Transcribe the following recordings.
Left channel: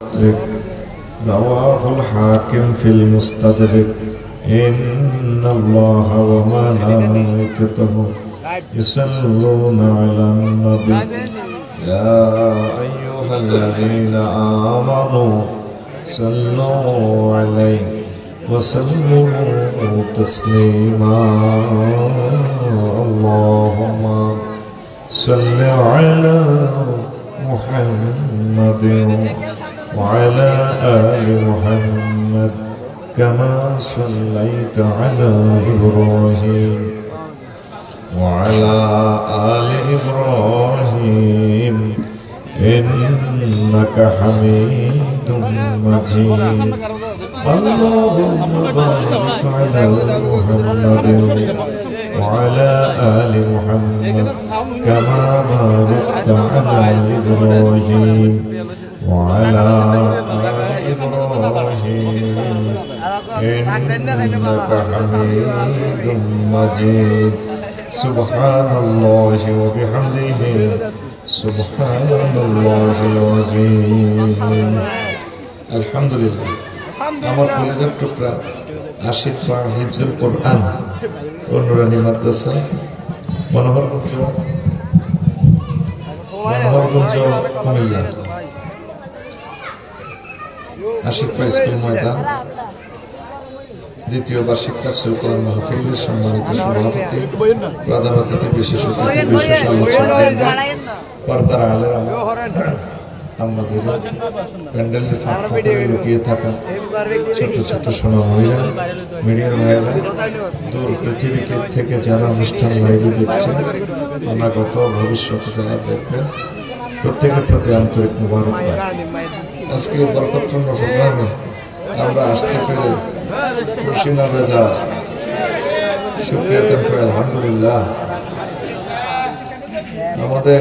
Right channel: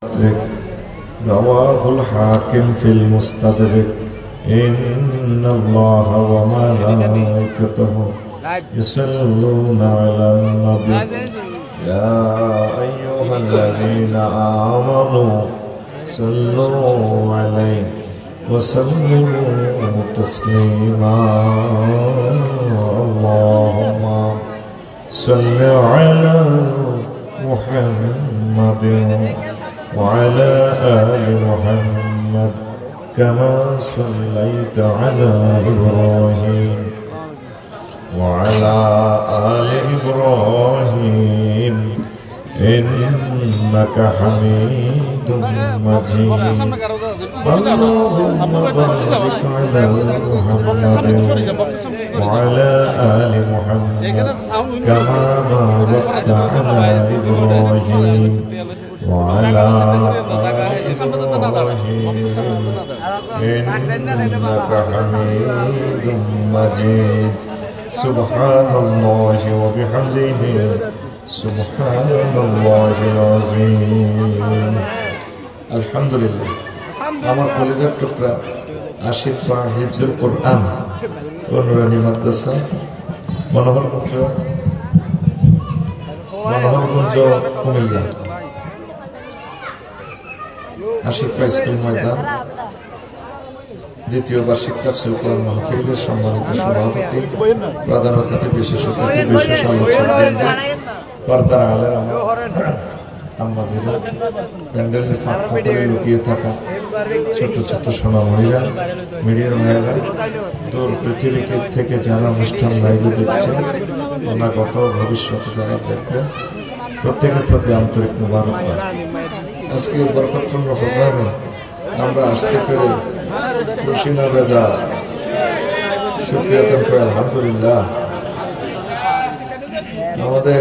رواه الحاكم في المستدرك إن الله وملائكته يصلون على النبي يا أيها الذين آمنوا صلوا عليه وسلموا تسليما اللهم صل على محمد وعلى آل محمد كما صليت على إبراهيم وعلى آل إبراهيم إنك حميد مجيد اللهم بارك على محمد وعلى آل محمد كما باركت على إبراهيم وعلى آل إبراهيم إنك حميد مجيد سبحان الله وبحمده سبحان الله العظيم الحمد لله আমার কলিজার টুকরা আশিক পা হিফজুল কোরআন অনুরানী মাদ্রাসা মনোহরগঞ্জ কুমিল্লা আশিক পা স্কুল ময়দান দ্বিতীয় বার্ষিক তাফসীর কোরআন মাহফিলের সম্মানিত সভাপতি প্রধান অতিথি বিশেষ অতিথি বিশেষ আলোচক পর্দার আলেম আম্মাজিরা প্যান্ডেলের ফাঁক ফাঁকে লুকিয়ে থাকা ছোট ছোট সোনা মহিলা মিডিয়ার ভাইয়েরা দূর পৃথিবী থেকে যারা অনুষ্ঠান লাইভে দেখছেন অনাগত ভবিষ্যতে যারা দেখবেন প্রত্যেকের প্রতি আন্তরিক মুবারকবাদ। আজকে বরকতপূর্ণ প্রোগ্রামে আমরা আসতে পেরে খুশি মজা শুকরিয়া করে আলহামদুলিল্লাহ। আমাদের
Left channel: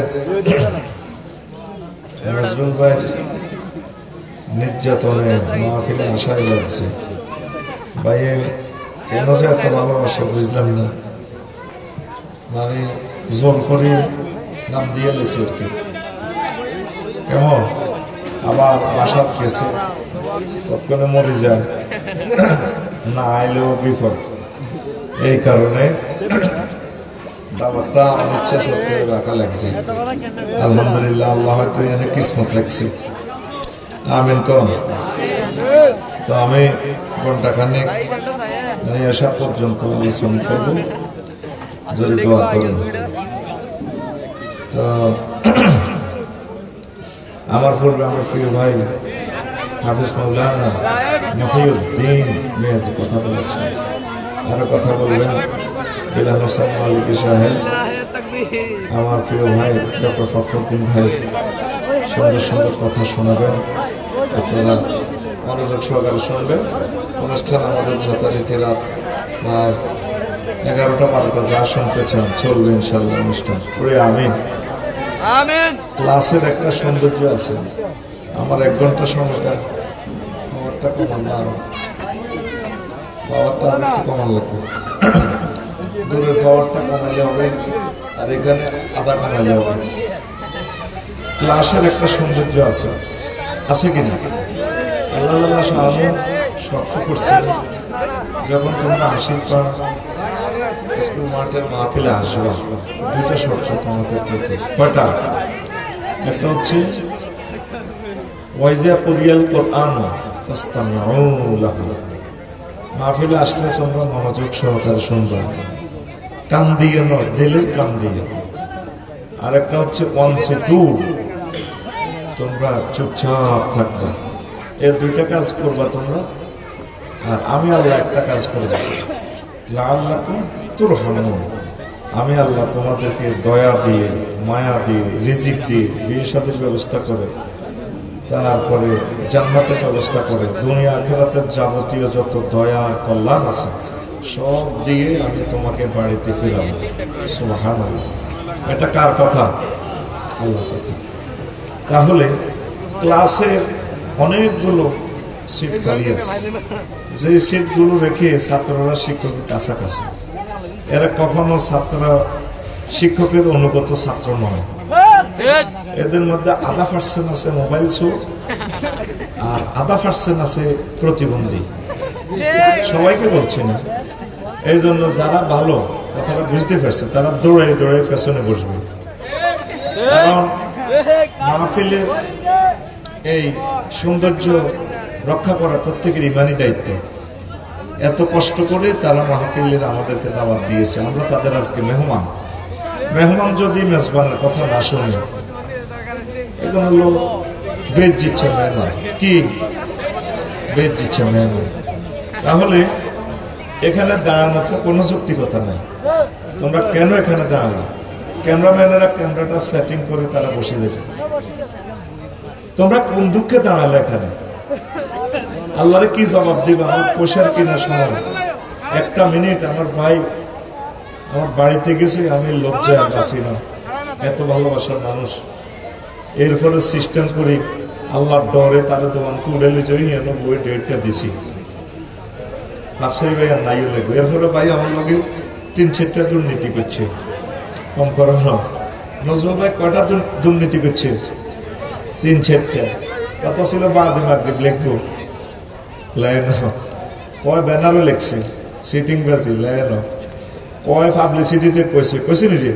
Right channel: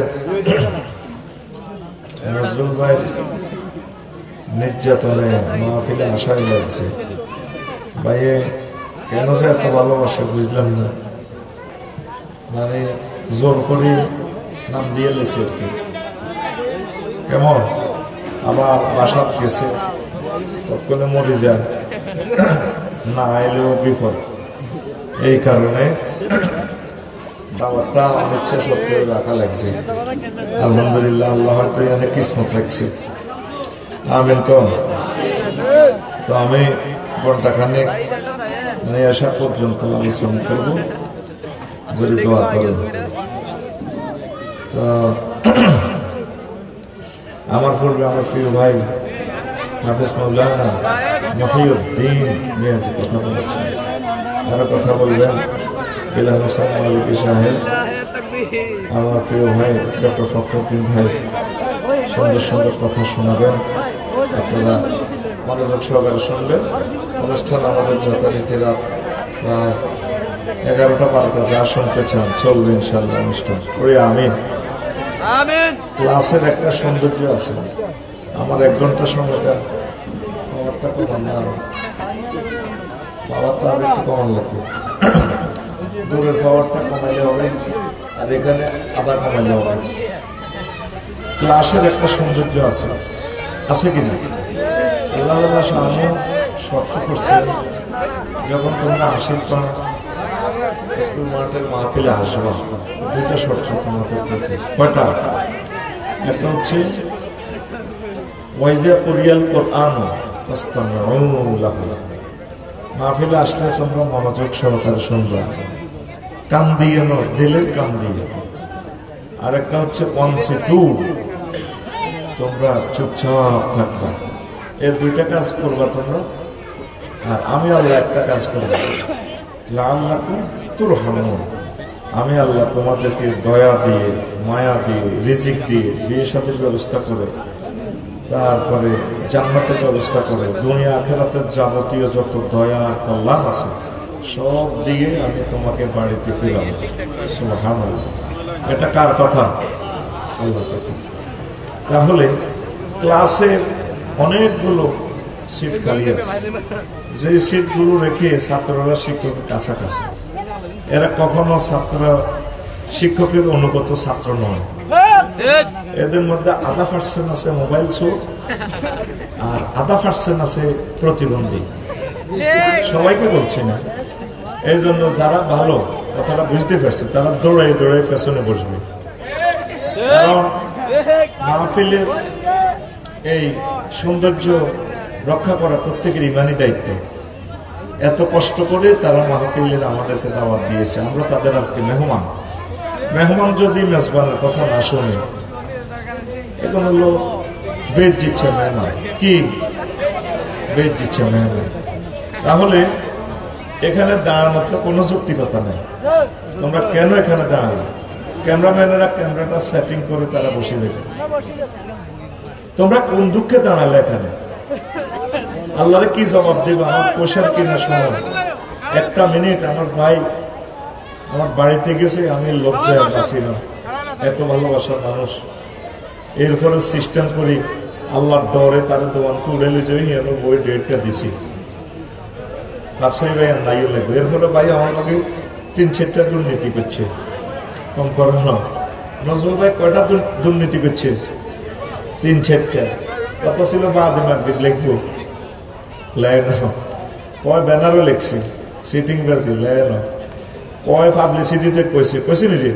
নজরুল ভাই নির্যাতনে মাহফিলে আশাই লাগছে, ভাইয়ে কেন যে এত ভালোবাসে বুঝলাম না, মানে জোর করে নাম দিয়ে লেছে আর কি। কেমন আমার বাসা খেয়েছে কখনো মরে যায় না আইলেও বিপদ, এই কারণে বাবারটা ইচ্ছা সত্ত্বেও রাখা লাগছে। আলহামদুলিল্লাহ, আল্লাহ হয়তো এখানে কিসমত রাখছি। আমিন কম। তো আমি ঘন্টাখানেক আসা পর্যন্ত আলোচনা করবো, যদি দোয়া করেন। তো আমার পূর্বে আমার প্রিয় ভাই হাফেজ মাওলানা মহিউদ্দিন মিয়াজি কথা বলেছেন, আরো কথা বলবেন বিলাল হোসেন মালিকি সাহেব, আমার প্রিয় ভাই ডক্টর ফখরুদ্দিন ভাই সুন্দর সুন্দর কথা শোনাবেন। আপনারা মনোযোগ সহকারে শুনবেন। অনুষ্ঠান আমাদের যথারীতি রাত প্রায় 11টা-12টা যা শুনতে চান চলবে ইনশাল্লাহ অনুষ্ঠান করে। আমিন। ক্লাসের একটা সৌন্দর্য আছে, আমার 1 ঘন্টা সময়টা পাওয়ারটা কমান না, পাওয়ারটা আমি একটু কমান লাগবে, দূরের পাওয়ারটা কমালে হবে আর এখানে আধা কমালে হবে। ক্লাসের একটা সৌন্দর্য আছে, আছে কি না? আল্লাহ শর্ত করছে যখন তোমরা আশীর্বাদ স্কুল মাঠের মাহফিলে আসবা, 2টা শর্ত তোমাদের প্রতি। কটা? একটা হচ্ছে ওয়াইজা কুরিয়াল কোরআন ফাসতামিউ লাহু, মাহফিলে আসলে তোমরা মনোযোগ সহকারে শুনবে, কান দিয়ে নয়, দিলের কান দিয়ে। আরেকটা হচ্ছে ওয়ানসিতু, তোমরা চুপচাপ থাকবা। এই 2টা কাজ করবা তোমরা। আর আমি আল্লাহ একটা কাজ করব, লাআল্লাকুম তুরহামুন, আমি আল্লাহ তোমাদেরকে দয়া দিয়ে, মায়া দিয়ে, রিজিক দিয়ে, বিয়ে শাদীর ব্যবস্থা করে, তারপরে জান্নাতের ব্যবস্থা করে, দুনিয়া আখিরাতের যাবতীয় যত দয়া কল্যাণ আছে সব দিয়ে আমি তোমাকে বাড়িতে ফিরাবো। সুবহানাল্লাহ। এটা কার কথা? আল্লাহর কথা। তাহলে ক্লাসের অনেকগুলো সিট খালি আছে, যে সিটগুলো রেখে ছাত্ররা শিক্ষকের কাছাকাছি, এরা কখনো ছাত্ররা শিক্ষকের অনুগত ছাত্র নয়, এদের মধ্যে 0.5% আছে মোবাইল চোর, আর 0.5% আছে প্রতিবন্ধী। সবাইকে বলছি না, এই জন্য যারা ভালো কথাটা বুঝতে পারছে তারা দৌড়াই দৌড়াই পেছনে বসবে। কারণ মাহফিলের এই সৌন্দর্য রক্ষা করা প্রত্যেকের ইমানি দায়িত্ব। এত কষ্ট করে তারা মাহফিলের আমাদেরকে দাওয়াত দিয়েছে, আমরা তাদের আজকে মেহমান। মেহমান যদি মেজবানের কথা না শুনে, এখন হলো বেদ দিচ্ছে মেহমান, কি বেদ দিচ্ছে মেহমান, তাহলে এখানে দাঁড়ানোর তো কোনো যৌক্তিকতা নেই। তোমরা কেন এখানে দাঁড়ালে? ক্যামেরাম্যানেরা ক্যামেরাটা সেটিং করে তারা বসে যাবে। তোমরা কোন দুঃখে দাঁড়ালে এখানে? আল্লাহরে কি জবাব দিব? আমার পোষার কি না শোনার? একটা মিনিট আমার ভাই আমার বাড়িতে গেছে, আমি লজ্জায় বাঁচি না, এত ভালোবাসার মানুষ। এরপরে সিস্টেম করি আল্লাহর ডরে তারা দোকান তুলে জয়ী বই ডেটটা দিছি, ব্যবসায়ী ভাই আর নাইও নেবো। এর ফলে ভাই আমার লোকে 3-4টা দুর্নীতি করছে, কম করার নয়। নজরুল ভাই কয়টা দুর্নীতি করছে? 3-4টা। কথা ছিল বাদে মাগরিব লিখবো, লেয় না। কয় ব্যানারও লিখছে, সিটিং বাজি লেয় না। কয় পাবলিসিটিতে কইছে নি রে?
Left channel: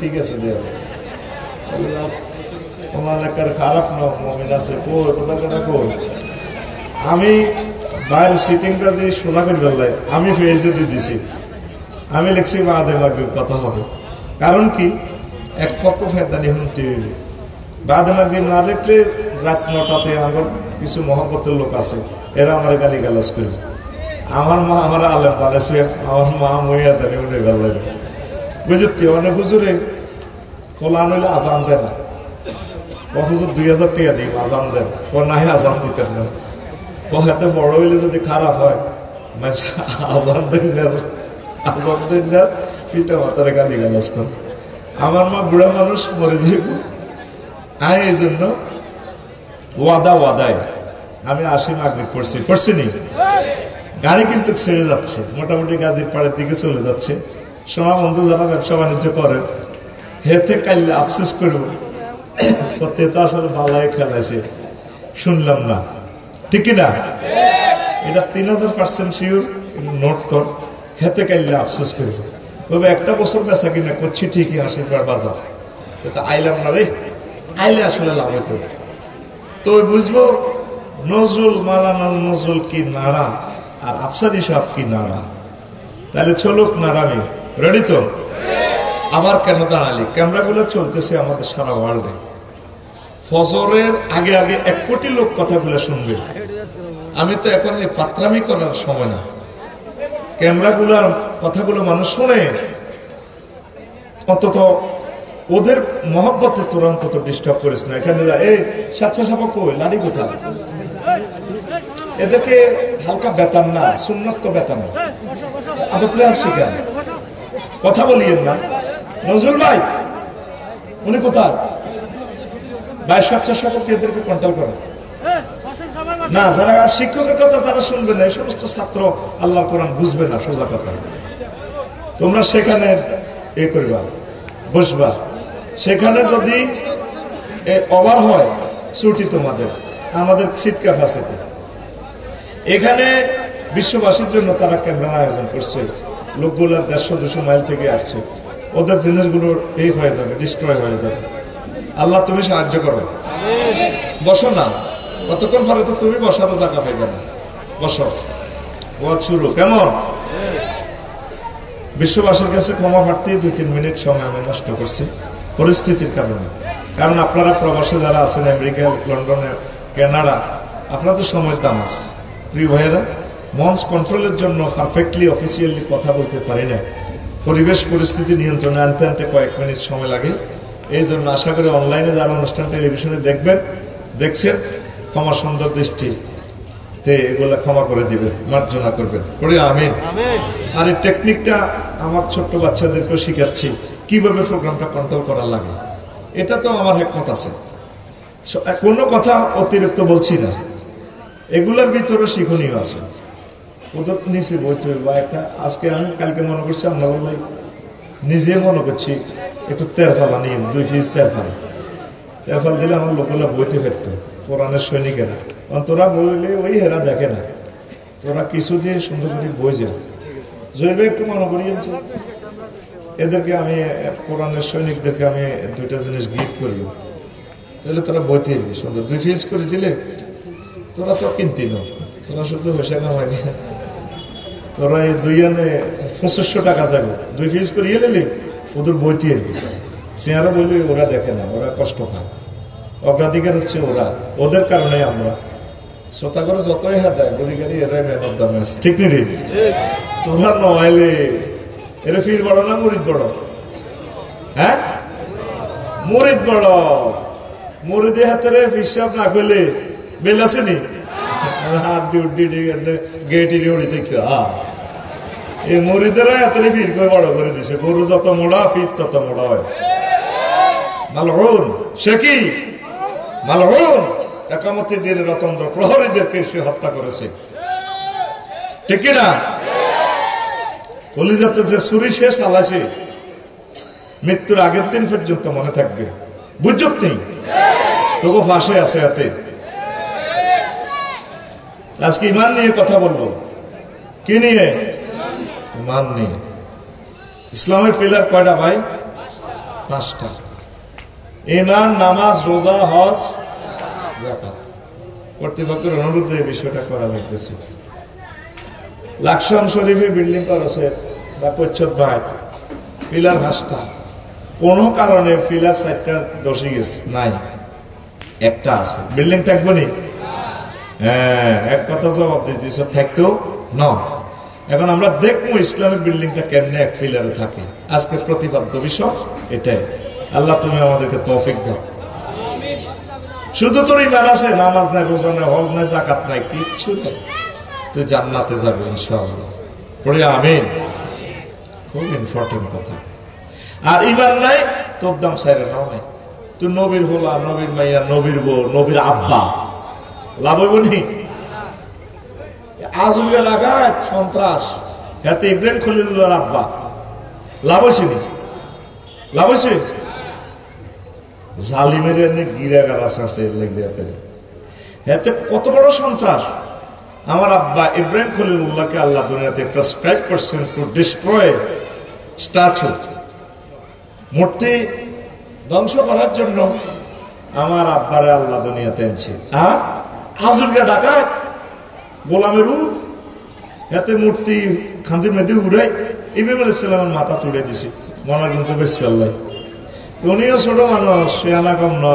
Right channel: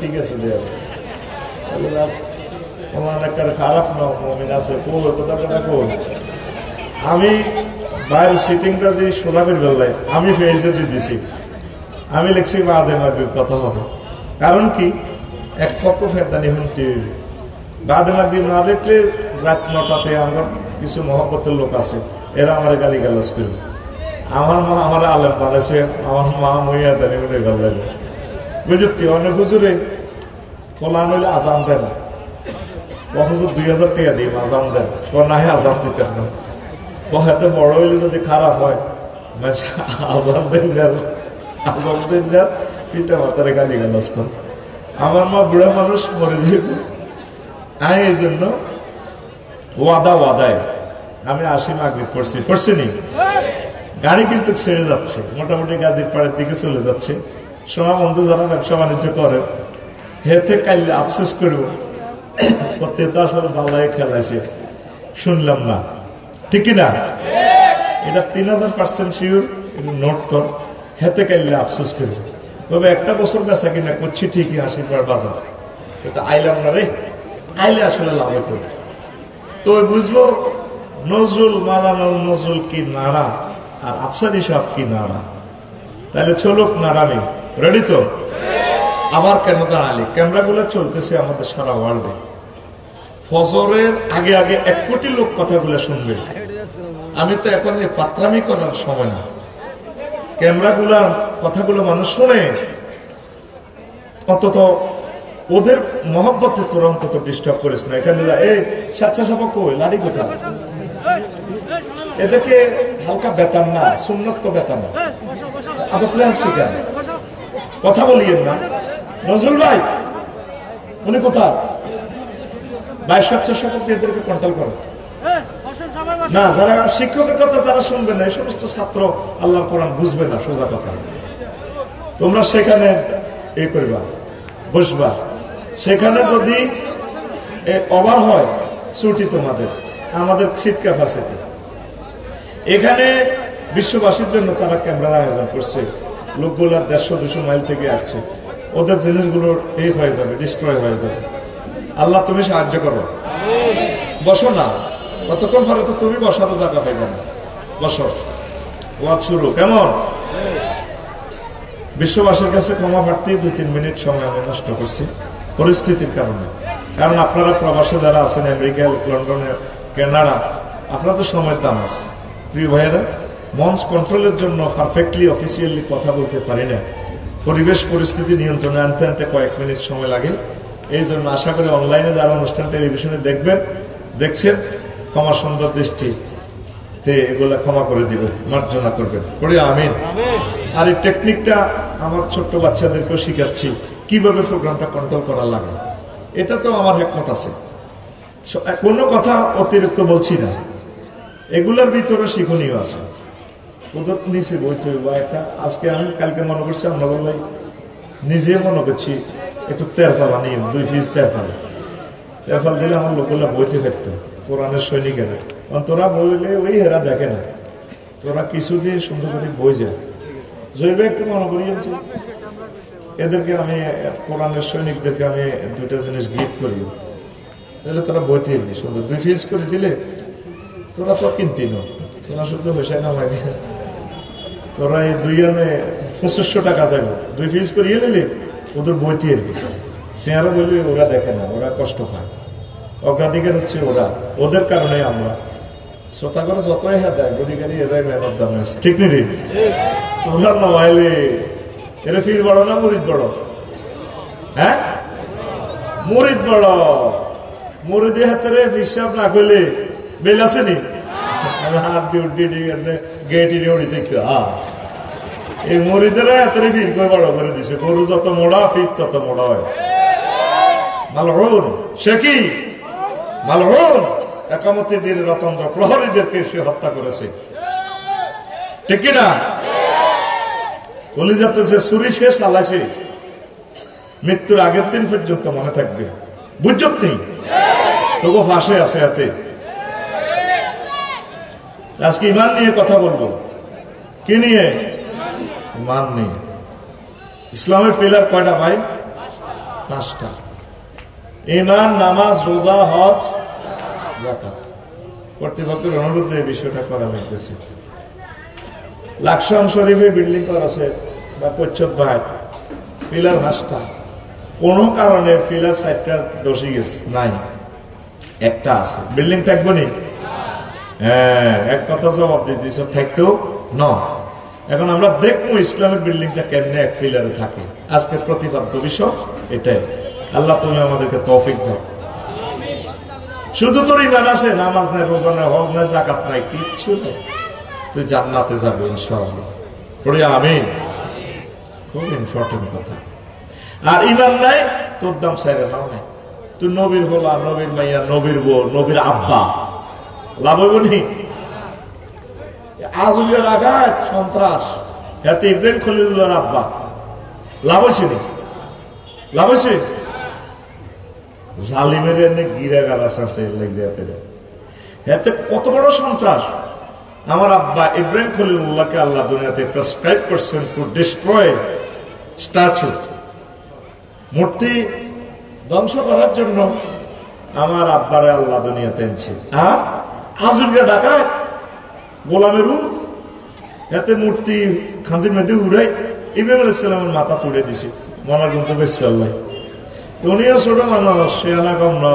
ঠিক আছে দেওয়া খারাপ না মমিন আছে কথা কই। আমি বাইরের সিটিংটা যে সোজা করে ফেললাই, আমি ফেজে দিয়ে দিছি, আমি লিখছি বাদে মাগরিব কথা হবে। কারণ কি, এক পক্ষ ফেদানি শুনতে বাদে মাগরিব না দেখলে রাত 9টাতে আমার কিছু মহব্বতের লোক আছে, এরা আমার গালি গালাজ করবে। আমার মা আমার আলেম বানাইছে, আমার মা মইয়া দেনে বলে ভালো লাগে বুঝতে। অনেক হুজুরে ফলান হইলে আজান দেন, হুজুর 2000 টাকা দিই আজান দেন, না আজান দিতেন না। হাতে বড় হইলে যদি খারাপ হয় আজান দেন না, পিতা মাতারে গালি গালাজ কর। আমার মা বুড়া মানুষ মরে যাবে, এই জন্য ওয়াদায় আমি আসি মাগরিব পড়ছি নি। গাড়ি কিন্তু ছেড়ে যাচ্ছে, মোটামুটি গাজীর পাড়ের দিকে চলে যাচ্ছে। সোনা বন্ধু যারা ব্যবসা বাণিজ্য করে হেতে কাইলে আফসোস করবো, সত্যি তো আসলে বাংলায় খেলাছে শুনলাম না, ঠিক না? এটা 3000% শিওর, নোট কর। হেতে কাইলে আফসোস করবো, তবে একটা বছর বেচা কিনা করছি ঠিকই, 80 বাজার, কিন্তু আইলাম না রে। আইলে আসলে লাভ হতো। তো বুঝবো নজরুল মালানা নজরুল কি নাড়া আর আফসারি সাহেব কি নাড়া। তাহলে চলুক নাড়ামি, রেডি তো? আবার কেন দাঁড়ালি? ক্যামেরাগুলো চলতেছে আমাদের সারা ওয়ার্ল্ডে। ফজরের আগে 1 কোটি লোক কথাগুলো শুনবে। আমি তো এখন এই পাত্রামি করার সময় না, ক্যামেরাগুলার কথাগুলো মানুষ শুনে, অন্তত ওদের মহব্বতে তোর অন্তত ডিস্টার্ব করিস না। এখানে এই সাচ্চা সাপা কই লাড়ি কোথা, এদেরকে হালকা বেতন না, সুন্নত তো বেতন না, শিখা কথা বলিয়েন না। নজরুল নাই উনি কোথা ভাই? সাচ্চা সাপা এদেরকে কন্ট্রোল করে না। যারা শিক্ষকের কথা যারা শুনবে না, এই সমস্ত ছাত্র আল্লাহর কোরআন বুঝবে না। সোজা কথা, তোমরা সেখানে এ করবা, বসবা। সেখানে যদি ওভার হয় ছুটি তোমাদের, আমাদের সিট ক্যাপাসিটি। এখানে বিশ্ববাসীর জন্য তারা ক্যামেরার আয়োজন করছে, লোকগুলো 150-200 মাইল থেকে আসছে, ওদের জিনিসগুলো এই হয়ে যাবে, ডিস্ট্রয় হয়ে যাবে। আল্লাহ তুমি সাহায্য করো। বসো না, কতক্ষণ পরে তো তুমি বসারও জায়গা পাইবে না। বসো, ওয়াজ শুরু। কেমন? বিশ্ববাসীর কাছে ক্ষমা প্রার্থী, 2-3 মিনিট সময় আমি নষ্ট করছি পরিস্থিতির কারণে। কারণ আপনারা প্রবাসে যারা আছেন, আমেরিকা, লন্ডনে, কানাডা, আপনাদের সময়ের দাম আছে। প্রিয় ভাইয়েরা, মঞ্চ কন্ট্রোলের জন্য পারফেক্টলি অফিসিয়ালি কথা বলতে পারি না, পরিবেশ পরিস্থিতি নিয়ন্ত্রণে আনতে কয়েক মিনিট সময় লাগে। এই জন্য আশা করি অনলাইনে যারা অনুষ্ঠান টেলিভিশনে দেখছেন, ক্ষমা সুন্দর দৃষ্টি এগুলা ক্ষমা করে দিবেন, মার্জনা করবেন, পড়ি আমিন। আর এই টেকনিকটা আমার ছোট্ট বাচ্চাদেরকেও শিখাচ্ছি, কিভাবে প্রোগ্রামটা কন্ট্রোল করা লাগে। এটা তো আমার হেকমত আছে, কোনো কথা অতিরিক্ত বলছি না, এগুলোর ভিতরে শিক্ষণীয় আছে। ওদের নিচে বইতে বা একটা, আজকে আমি কালকে মনে করছি, আমরা বললাই নিজে মনে করছি একটু তেরফাল আনি 2 পিস তেরফাল দিলে আমার লোকেরা বইতে ফেরত কোরআনের সৈনিকেরা। তোরা বইলে ওই হেরা দেখে না, তোরা কিছু দিয়ে সুন্দর করে বই যায় জৈবে একটু মনে করিয়েছে। এদেরকে আমি কোরআনের সৈনিকদেরকে আমি 2টা জিনিস গিফট করি, তাহলে তোরা বইতে সুন্দর 2 পিস করে দিলে তোরা তো কিনতি না, তোরা শুধু হয়েছে না হয় তোরা এই 2 আনে 2500 টাকা যাবে 2 পিস করিয়ে নিলে ওদের বইতে চেহারা বলবি ওরা দেখে না, ওরা কষ্ট পায়। অগ্রাধিকার হচ্ছে ওদের কারণে আমরা শ্রোতা করে যতই হ্যাঁ দেয় গরিগারি এরাই মেহনত দাম আছে, ঠিক নেই? তোরা নয় এরা ফির বড় না মুরিদ বড়? হ্যাঁ মুরিদ বড়। মুরিদি হাতের হিসাব না করলে বেল আসেনি হাত গেটি এই মরিদেরা হাতের ফির করে বড় করে দিছে। গরু যত মোড়া ফির তত মোড়া হয়। মালউন সে কি মালউন একামতের দিনে রতন্দ্র প্রহরীদেরকে সে হত্যা করেছে, ঠিক না? কলিজাতে যে ছুরি শেষ আলাসে মৃত্যুর আগের দিন পর্যন্ত মনে থাকবে, বুঝত নেই তবু ফাঁসে আছে হাতে। আজকে ইমান নিয়ে কথা বলবো। কি নিয়ে? ইমান নিয়ে। ইসলামের পিলার কয়টা ভাই? 5টা। ইমান, নামাজ, রোজা, হজ, যাকাত। কর্তৃপক্ষের অনুরোধে এই বিষয়টা করা লাগতেছে। লাকসাম শরীফে বিল্ডিং করেছে বা পরিচ্ছদ ভাই, পিলার 5টা। কোন কারণে পিলার 4টা দোষী গেছে নাই, একটা আছে। বিল্ডিং থাকবো নি? হ্যাঁ, এক কথা জবাব দিতে থাকতেও না। এখন আমরা দেখবো ইসলামের বিল্ডিংটা কেমনে এক পিলারে থাকে। আজকে প্রতিপাদ্য বিষয় এটাই। আল্লাহ তুমি আমাদেরকে তৌফিক দাও। শুধু তোর ইমান আছে, নামাজ নাই, রোজা নাই, হজ নাই, যাকাত নাই, কিচ্ছু নেই, তুই জান্নাতে যাবে ইনশাআল্লাহ। পড়ে আমিন। খুব ইম্পর্টেন্ট কথা। আর ইমান নাই, তোর দাম সাইরে নাও নাই। তুই নবীর হোলা, নবীর মাইয়া, নবীর বউ, নবীর আব্বা, লাভ হইব নি? আজুলের আঘাত সন্ত্রাস, হাতে ইব্রাহিম খলিলুল্লাহর আব্বা, লাভ হয়েছে নি? লাভ হয়েছে? জালিমের এনে গিরাগার আছে হাতে কত বড় সন্ত্রাস। আমার আব্বা ইব্রাহিম খলিলুল্লাহকে আল্লাহ দুনিয়াতে প্রেসক্রাইব করছেন টু ডিস্ট্রয় স্ট্যাচু, মূর্তি ধ্বংস করার জন্য আমার আব্বারে আল্লাহ দুনিয়াতে এনেছে। আর আজুলকে ডাকাত গোলামের হাতে মূর্তি খাঁজির মেয়েদের উড়াই ইব্রাহিম আলাইহিস সালামের মাথা তুলে দিছে মনার গুঞ্জ বেশ পাল্লাই। উনিও ছোট মানুষ, সেনা কম ন,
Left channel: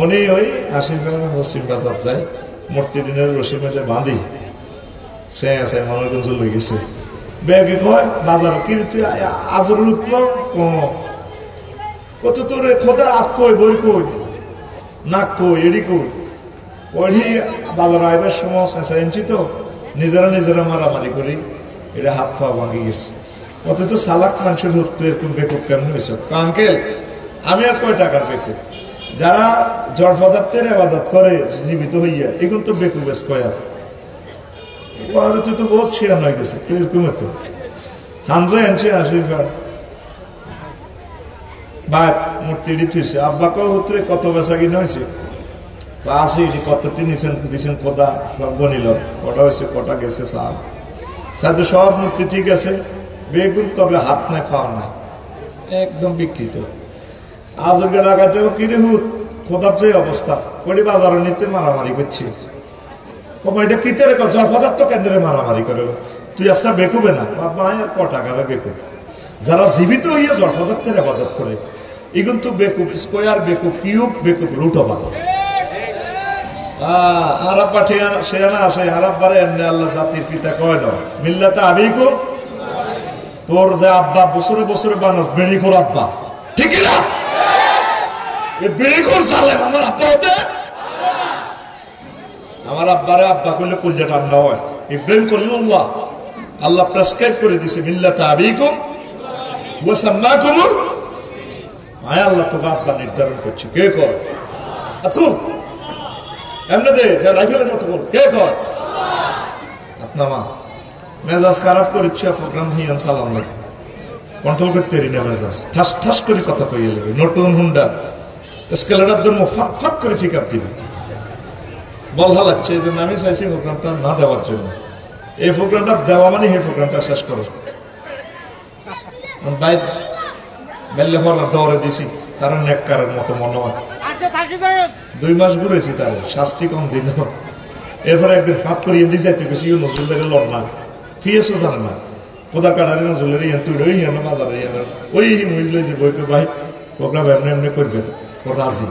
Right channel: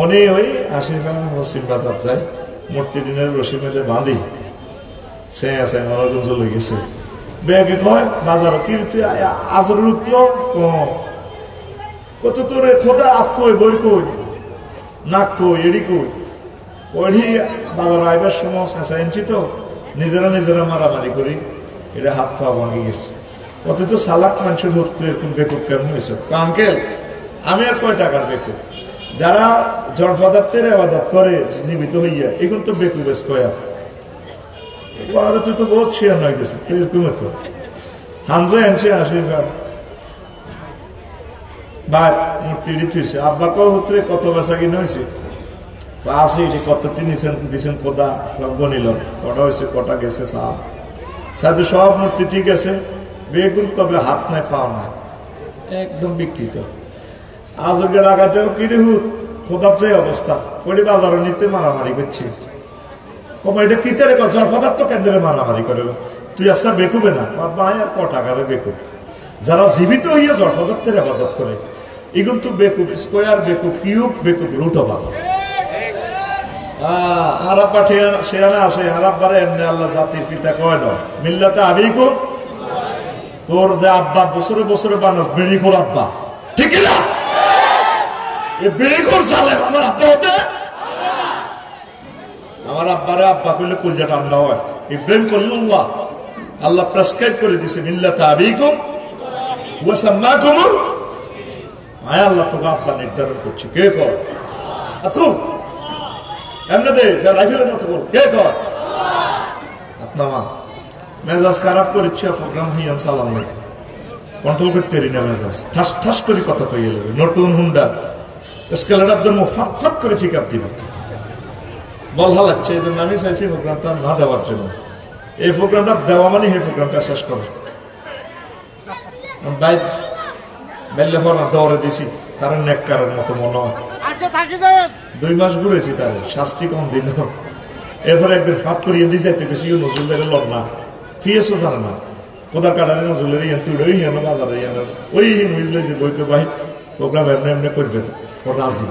উনি ওই 80 টাকা পশ্চিম বাজার যায়, মূর্তি দিনের রসি মেজে বাঁধি সে আছে মনার গুঞ্জ লই গেছে। ব্যাগে কয় বাজার কি তুই আজরুল উঠল কত তোর খোদা আত কই বই কই নাক কই এডি কই ওই বাজার আইবার সময় চেঁচা এনছি তো নিজেরা মারামারি করি, এটা হাত পা ভাঙি গেছে। কত তো সালাক মানুষের হতো এরকম বেকুব কেমন হয়েছে? আঙ্কেল আমি আর কয় টাকার বেকুব? যারা জড় পদার্থের আবাদত করে জীবিত হইয়া এগুলো তো বেকুব বেশ কয়া তো বহুত শেয়ার হয়ে গেছে এরকম হতো। হামজা আনছে 80 টাকা বা মূর্তি দিতেছে। আব্বাকেও হতে কত বেচা কিনা হয়েছে? আসি কতটি দিচ্ছেন কোথা সব গণিল, কটা হয়েছে কটা গেছে সাথে সব মূর্তি ঠিক আছে, বেগুন তবে হাত নাই পাও নাই, একদম বিকৃত। আজকে লাগাতে কিনে হুত খোদার যে অবস্থা করি বাজারে নিতে মারামারি করছি। এটা কিতে রেখো জল পদার্থ কেন্দ্রে মারামারি করে তুই আসলে বেকুবে না মায় আর ক টাকারে বেকুব। যারা জীবিত হইয়া জল পদার্থের আবাদত করে এগুলো তো বেকুব স্কোয়ার, বেকুব কিউব, বেকুব রুট অবাদ। আরব্বা সেয়ানা আছে আরব্বারে এমনি আল্লাহ জাতির পিতা কয় না মিল্লাতে আবিকুম, তোর যে আব্বা বছরে বছরে মানুষ বেড়িখোর আব্বা, ঠিক না? এই বেড়িখোর জালেম আমার আব্বা হতে, আমার আব্বারে আব্বা করলে কুলজা ঠান্ডা হয়। ইব্রাহিম খলিলুল্লাহ আল্লাহ প্রেসক্রাইব করে দিছে মিল্লাতে আবিকুম ওয়া সাম্মাকুমুল, আয় আল্লাহ তোকে আব্বা নির্ধারণ করছে। কে কর আতুম এমনি দে যা রাইফেলের মতো কর, কে কর আপনার মেজাজ খারাপ করেছে প্রোগ্রাম হইয়ান সালাম কন্ট্রোল করতে পারি না মেজাজ, ঠাস ঠাস করে কথা কইয়ে নেবে। নতুন হুন্ডা স্কেলারের জন্য ফাট ফাট করে পিক আপ দিবে, বল লাগছে। এই জন্য আমি চাইছি প্রোগ্রামটা না দেওয়ার জন্য। এই প্রোগ্রামটা দেওয়া মানে এই প্রোগ্রামটা শেষ করো। বাইরে ডরে দিছি, তারা নেককারের মতো মনে হয়। 2 মাস ঘুরেছি, তার শাস্তি কম দিন। এরপরে একদিন ফাঁক করিয়ে দিয়ে যাইতে গেছি, নজরুলের লড় না ফিয়েছো জানে না, কোদার কাটারে নজরুলের ইয়ান তুই ওই হেন বাজারে ওই বুঝলে যে বইকে ভাই প্রোগ্রাম এমনি এমনি করবেন রাজি।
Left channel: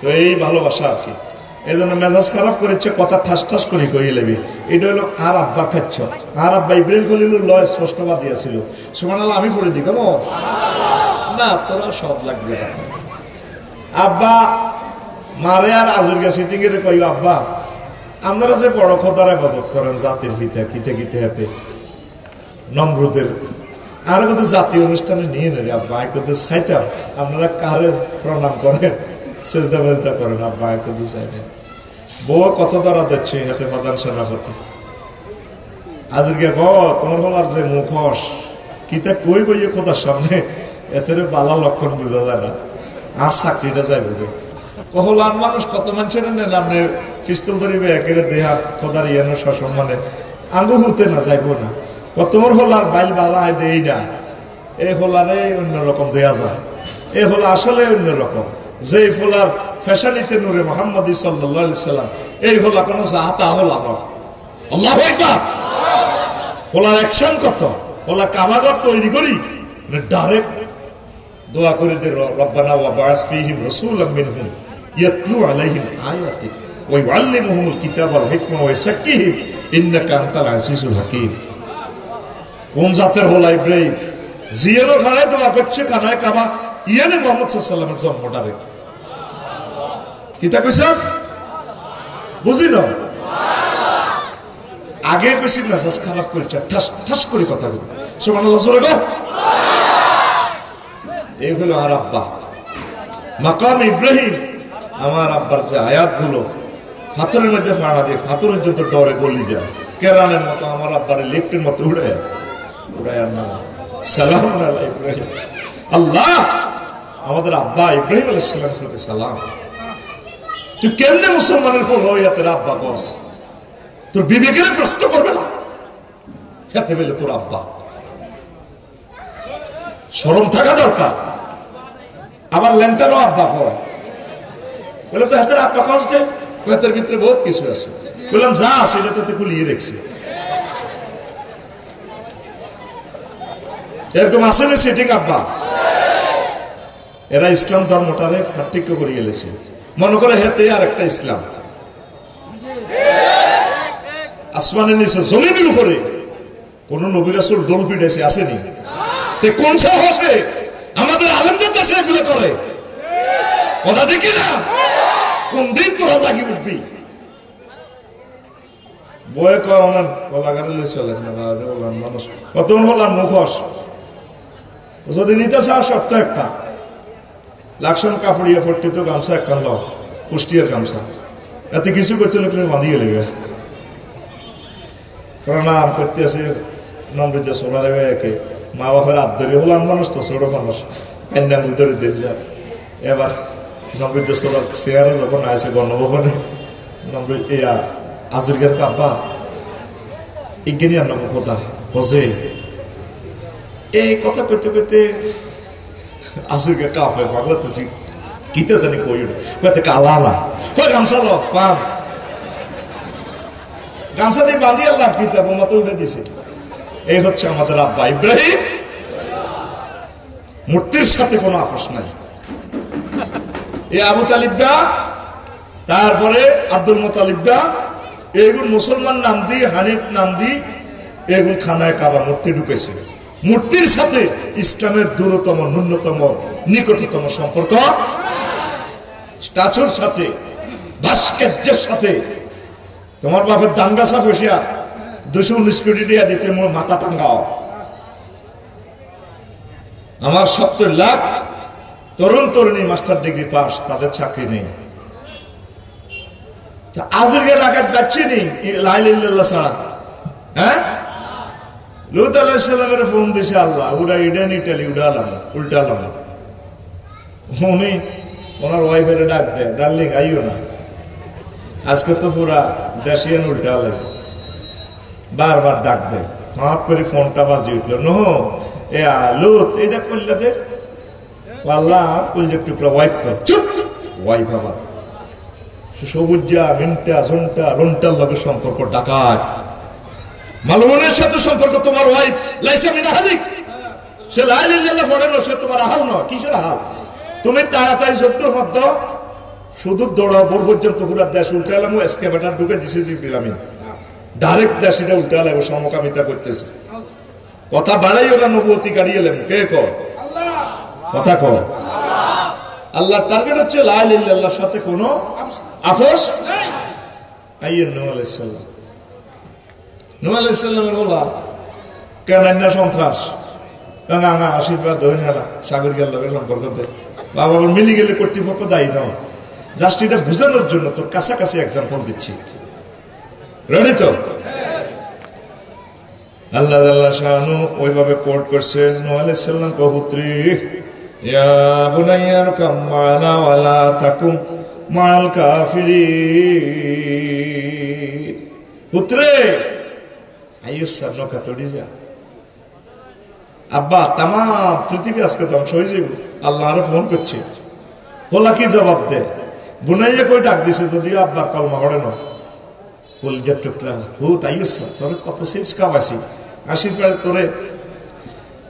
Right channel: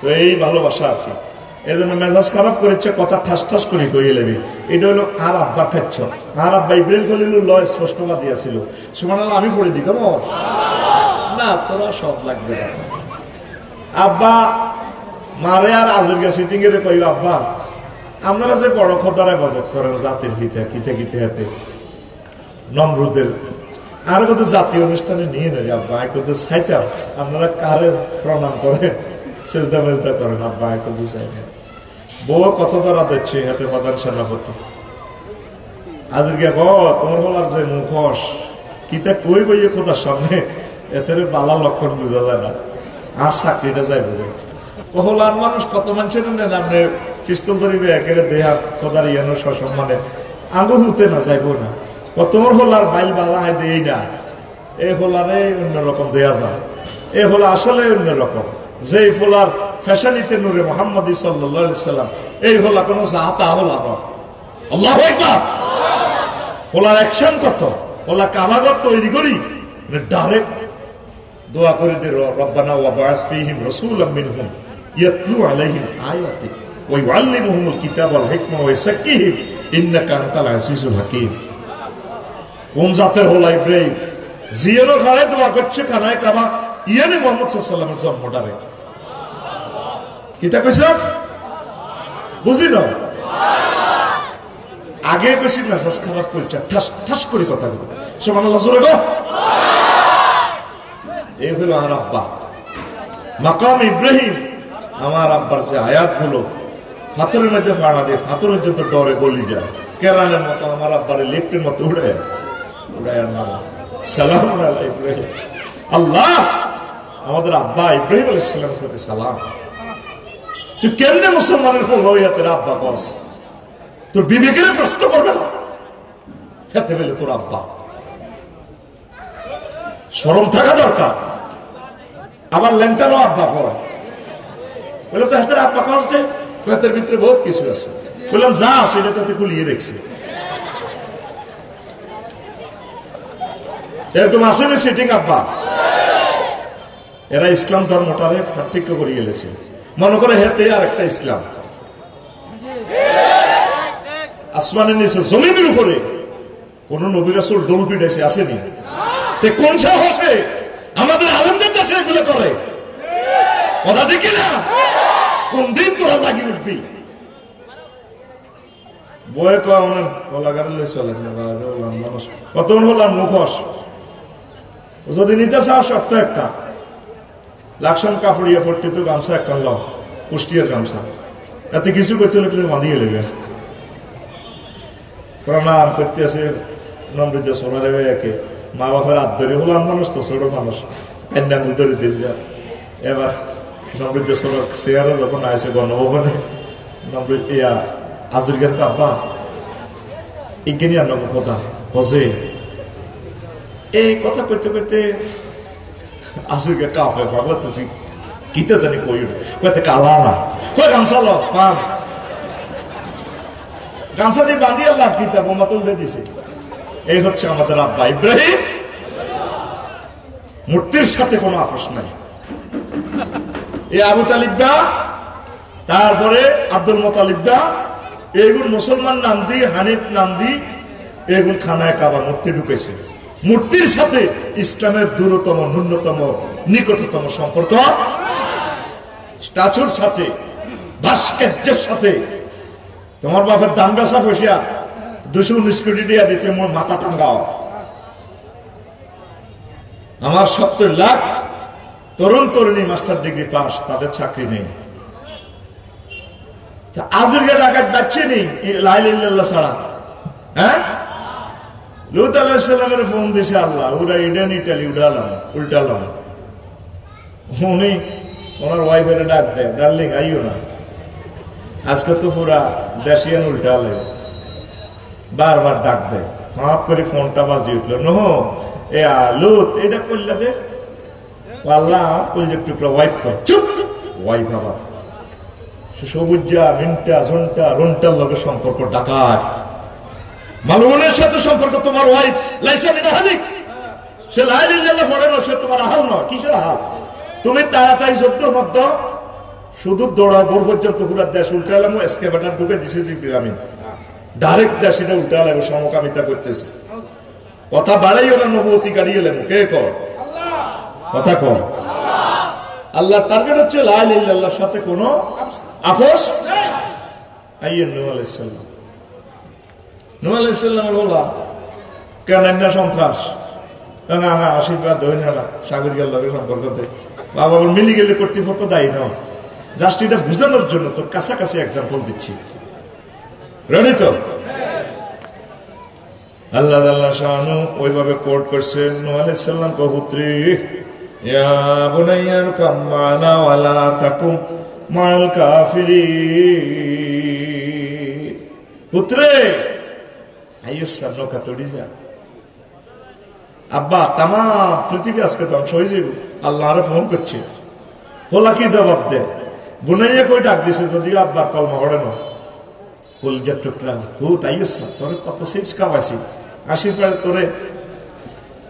তো এই ভালোবাসা আর কি। এই জন্য মেজাজ খারাপ করেছে, কথা ঠাস ঠাস করে কইয়ে লেবি। এটা হলো আর আব্বা খাচ্ছ, আর আব্বা ইব্রাহিম খলিল লয় স্পষ্টবাদ দিয়েছিল। সুবহানাল্লাহ আমি পড়ে দিই কেন না, তোরা সব লাগবে। আব্বা মারে আর আজুরগা সিটিং এর কই, আব্বা আপনারা যে বড় খোদারে বদত করেন জাতির পিতা কিতে কিতে হাতে নমরুদের আর কোথাও জাতীয় অনুষ্ঠানে নিয়ে নেবে আব্বা আয় করতে চাইতাম। আপনারা কারে প্রণাম করেন, সেজদা মেজদা করেন, আব্বা আয় করতে চাইতেন। বউ কত দ্বারা দিচ্ছে হাতে প্রধান সেনাপতি আজকে তোমার বলার যে মুখোশ কিতে কই বইয়ে খোদার সামনে এতে বালা লক্ষণ বোঝা যায় না, আর চাকরিটা যাইবে। কহলার মানুষ কত মানুষের নেন, আপনি পিস্তল ধরিবে একের দেহার খোদার ইয়ানো সসম্মানে আঙ্গু হুতে না যাইব না। তোমার হোলার বাইল বালায় দেই না, এই হোলারে অন্যরকম দেয়া যায়। এই হোলা আসলে অন্যরকম। যে হোলার ফ্যাশানিতে নূরে মোহাম্মদ সাল্লাল্লাহু আলাইহি সাল্লাম, এই হোলা কোন জাহাতা হোলা নয়। আল্লাহু আকবার। হোলার অ্যাকশন কত, হোলা কামাগার তৈরি করি ডাইরেক্ট দোয়া করে দে, রব্বানা ওয়া বা'আস ফীহিম রাসূলাম মিনহুম ইয়াতলু আলাইহিম আয়াতিক ওয়া ইউআল্লিমুহুমুল কিতাবা ওয়াল হিকমা ওয়া ইউযাক্কিহিম ইন্নাকা আনতাল আজিজুল হাকীম। কোন জাতের হলো ইব্রাহিম? জিয়ানো খানায় দোয়া করছে, খানায় কামা ইয়ানি মুহাম্মদ সাল্লাল্লাহু আলাইহি ওয়াসাল্লামের জন্মটারে কিতা কইছে বুঝি না। আগে কইছি মেজাজ খারাপ করে ঠাস ঠাস করে কথা বলি। সুবহানাল্লাহ জোরে গো। এই হলো আমার আব্বা মাকাম ইব্রাহিম। আমার আব্বার যে আয়াতগুলো ফাতরের মধ্যে ফাড়া দিয়ে ফাতরের যত ডরে গলি যায়, কেরানের মতো আমার আব্বারে লিফটের মতো উড়ায় নাম সালাম আলা ইব্রাহিম। আল্লাহ আমাদের আব্বা ইব্রাহিম আলাইহিস সালামের প্রতি সালাম। তুই কেমনে মুসলমানের ফল হইয়া তোর আব্বা বস, তোর বিবেকের প্রশ্ন করবে না খেতে পেলে তোর আব্বা শরম থাকা দরকার। আবার লেন্টারও আব্বা পর বললাম তো হাতের আব্বা কস যে হাতের ভিতরে বহুত কিছু আছে। বললাম যা আছে এটা তাতে কুলিয়ে রেখেছে, এরকম আসে না সেটিং আব্বা। এরা ইসলাম ধর্মটারে পার্থক্য করিয়ে গেছে, মনে করে হেতে আর একটা ইসলাম। আসমানের নিচে জমিনের উপরে কোন নবী রাসূল দোল পিটাইছে আসেনি? কোন সাহসে আমাদের আলেমদের দেশে এগুলো করে? কথা দেখি না, কোন দিন তোরা জাগি উঠবি? বয়ে কলাগারে চলে মানুষ কত বললাম মুখোশ যদি নিতে চাও শর্ত একটা, লাকসাম কাপড়িয়া ফট্টি তো গামছা একটা লাও, কুষ্টিয়ার গামছা, এতে কিছু করতে তুমি বাঁধিয়ে লেগে প্রণাম করতে আছে নম্র সোনা দেবে একে। মা বাপের আদরে হলাম মানুষ তো ছোট মানুষ প্যান্ডাম ধরে দিয়ে যায়। এবার নম্র সোনার চেয়ারে যখন আছে গণভবনে আজুরগের কাব্বা ইজ্ঞানী আপনার কথা বোঝে এই কথা পেতে পেতে আজুরগের কাপে বাবা তো কিতে জানি কই পেতে কালা না গামছা লো পান গামছা দিয়ে বাঁধিয়ে আল্লাহ কিতা বোমা তো উঠে দিছে। এই হচ্ছে আমাদের আব্বা ইব্রাহিম। মূর্তির সাথে কোনো আপোষ নাই। এই আবু তালিবরা, তারপরে আব্দুল মোতালিবরা, এইগুলো মুসলমান নাম দিয়ে হানিফ নাম দিয়ে এগুলো খানায় কাবা মূর্তি ঢুকেছে। মূর্তির সাথে ইসলামের দূরতম ন্যূনতম নিকটতম সম্পর্ক, স্ট্যাচুর সাথে ভাস্কর্যের সাথে। তোমার বাপের দাম গাছা বসিয়া 219 কোটি টাকা দিতে মোর মাথা টাঙ্গাও। আমার 70 লাখ তরুণ তরুণী মাস্টার ডিগ্রি পাস, তাদের চাকরি নেই। আজকে ডাকাত যাচ্ছে নি লাইল ইল্লাল্লাহ ছাড়া। হ্যাঁ লুত লুত আলাইহিস সালামের ফোন দিছে আল্লাহ, ওরা ইডেন ইটালি উড়ালাম উল্টালাম। উনি ওনার ওয়াইফের ডাক দেয়, ডার্লিং আইও না, আজকে তো পুরা দেশিয়ান উল্টালে। বারবার ডাক দেয়, হাত করে ফোনটা বাজি উঠলো, নো এ লুত এটা করলে দে আল্লাহ কলজের টুকরা ওয়াইফ তো চুপ, ওয়াইফ আবার সবুজা মিন্টা ঝন্টা রন্টার লগে সম্পর্ক ডাকার, মালুনের সাথে সম্পর্ক তোমার ওয়াইফ লাইসা মিন আহাদিক, সে লা ইলাহা ইল্লাল্লাহ পড়ে না, সে তোমার আহাল নয়। কিসের আহাল? তুমি তাড়াতাড়ি সত্যর মধ্য শুধু দৌড়াও বোর পর্যন্ত পুরা দেশ উল্টালাম, এসকেভেটার ঢুকে দিছে আমি ডাইরেক্ট দেশ এটা উল্টালাম, সমকামিতা করতেছে। কথা বাড়াইও না, নবুয়তি গাড়িয়ে লেন কে কর কথা কর। আল্লাহ টার্গেট হচ্ছে লা ইলাহা ইল্লাল্লাহর সাথে কোনো আপোষ নাই। আইয়েন নূহ আলাইহিস সালাম, নূহ আলাইহিস সালামের বলা কেন না সন্ত্রাস না না আশীর্বাদ হই না সাগরিকার লোকের সম্পর্ক বাবা মিলি গেলে কর্তৃপক্ষ দায়ী নয়। জাস্ট এটা বুঝানোর জন্য তো কাছাকাছি এক্সাম্পল দিচ্ছি, রেডি তো? আল্লাহ আল্লাহ শাহানু ওইভাবে কোট করছে নূহ আলাইহিস সালাম পুত্রী, ইয়া বুনাইয়ার কামানা ওয়ালা তাকুম মাল কাফিরিন। পুত্রে আইয়ুসা নৌকা তড়ি যা, আব্বা তাম পৃথিবী আজকে ধ্বংস হয়ে যাবে, আল্লাহ আরে ফোন করছে, বলা কি জবাব দে? বুনাইয়া কই ডাক দিছে, যদিও আব্বার কলমা হড়ে না, কলজার টুকরা হুত আইয়ুসা তোরে কত সিজ কাবাসি, আশীর্বাদ তোরে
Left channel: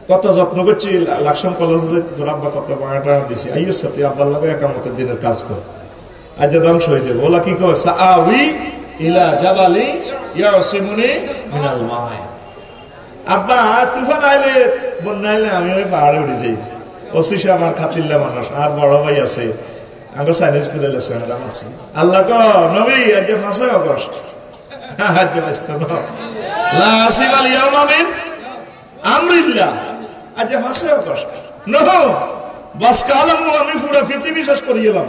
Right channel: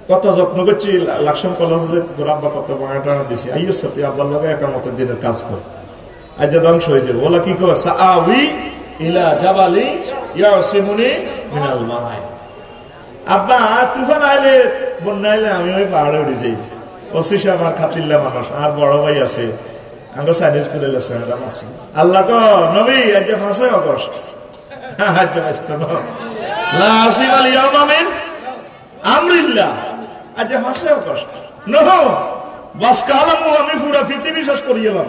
কত যত্ন করছি, লাকসাম কলেজে তোর আব্বা কত বাঙাটা দিছে, আইয়ুসা তুই আব্বার লগে একামতের দিনের কাজ কর, আজ ধ্বংস হয়ে যাবে। বলা কি কয় সাআউই ইলা জাবালি ইয়াসিমুনি মিনাল মাই। আব্বা তুফান আইলে বন্যা আইলে আমি ওই পাহাড়ে উঠে যাই, ওসিসে আমার খাতিল্লা মানুষ, আর বড় ভাই আছে আগে চাইনিজ করে আছে। আল্লাহ ক নবী আজ ফাঁসে অগস্ট আমরিল্লাহ আজ ফাঁসে অগস্ট নহ বাস কালাম আমি পুরা পৃথিবী শেষ করিয়ে এলাম।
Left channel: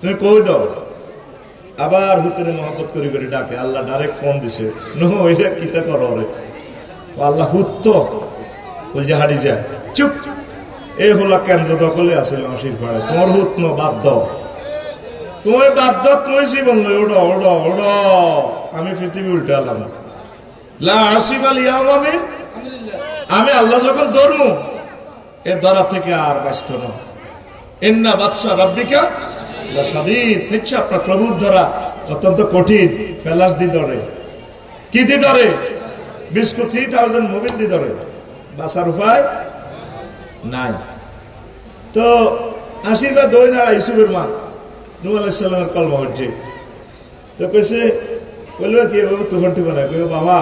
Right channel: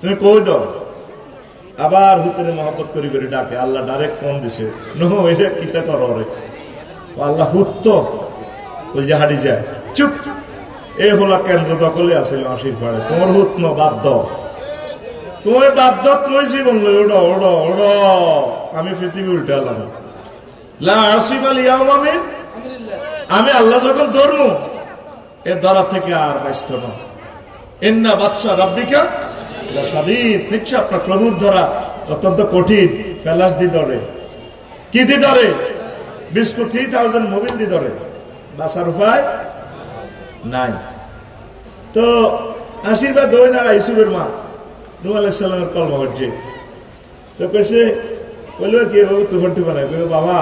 তুমি কই দাও আবার হুতরে মহব্বত করি করে ডাকে, আল্লাহ ডাইরেক্ট ফোন দিছে, নো এটা কিতা করো রে? আল্লাহ হুত ওই যে হারি যায় চুপ, এই হলা কেন্দ্র দখলে আসলে আশীর্বাদ, তোমার হুত ন বাধ্য, তুমি বাধ্য, তুমি জীবন ওড়ো ওড়ো ওড়ো, আমি পৃথিবী উল্টালাম। আমি আল্লাহ যখন ধরবো এ ধরা থেকে আর ব্যস্ত না। ইন্না বাদশা রাব্বিকা লাশাদীদ, নিশ্চয় আপনার প্রভুর ধরা অত্যন্ত কঠিন। ফেলাস দি ধরে, কি দি ধরে? বিস্কুট 3000 মোবিল দি ধরে, বাঁচার উপায় নাই। তো আশীর্বাদ হই না ইউসুফের মা নূহ আলাইহিস সালামের কলমা হচ্ছে, তো কেছে বলবে কি বাবু তুফান টুফান, বাবা